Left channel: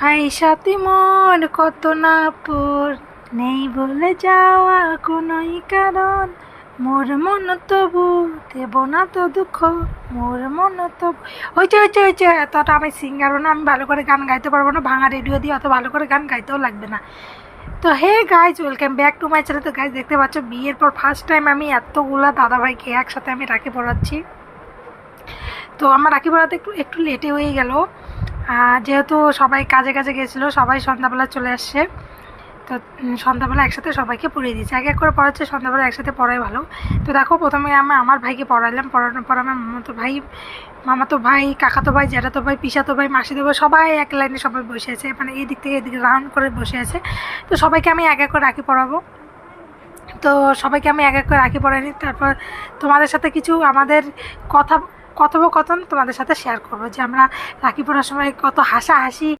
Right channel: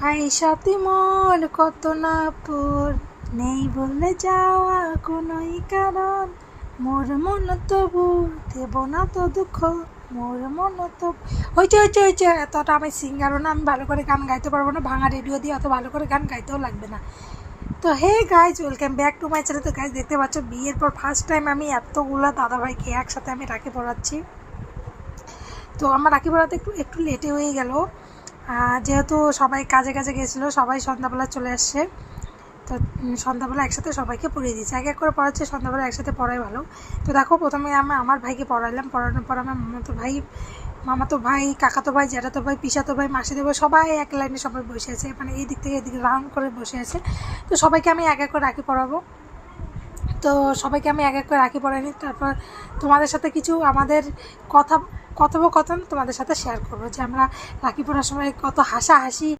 ভাই সাথী মোর কত না পর, নেই বলে যাওয়া কোনোই কারণ, মোর মন তবু দেব না তো দুঃখ, মোর মন তবু। হয়েছে এতটা আমি সিঙ্গারও না, আমি ভালো করে গান গাইতে পারবো না, ভাঙা রেডিও দিয়ে অত ভালো করে গান গাইতেও লাগবে না। তো hey guys, welcome back to my channel. তো গাইজ দেখতে পাচ্ছ বিয়ের পর ফার্স্ট টাইম আমি এতগুলা দাদাভাইকে একসাথে আমি রাখি পড়াচ্ছি। তো আমার রাখি পড়াতে একটু একটু লেটে হয়ে গেল, যেহেতু সবাই কাজে কাজে গেছিলো, সবাই সন্ধ্যাবেলা চলে আসছে। তো সন্ধ্যাবেলা একসাথে সবাইকে পড়িয়ে দিয়েছি, এক এক করে পড়াচ্ছে, সন্ধ্যাবেলা একসাথে পড়াই ভালো। তো দেখো প্রথমে আমি আমার ভাইকে পড়ালাম, পড়ানোর পর আমার মামাতো ভাই, কাকাতো ভাই, জ্যাঠাতো ভাই, পিসাতো ভাই, মাসিতো ভাই, সবাই এক লাইনে সবাই বসে আছে, মানে এই দিক থেকে এদিকে রাউন্ড করে বসে আছে। তো সবাইকে আমি এক এক করে রাখি পড়াবো। তো সবাইকে আমি এক এক করে রাখি পড়াই নিই, তারপর তোমাদের সাথে কিছু আমাদের কথোপকথন তোমাদের সাথে শেয়ার করবো, যে আমরা রাখি পড়ার সময় কত হাসাহাসি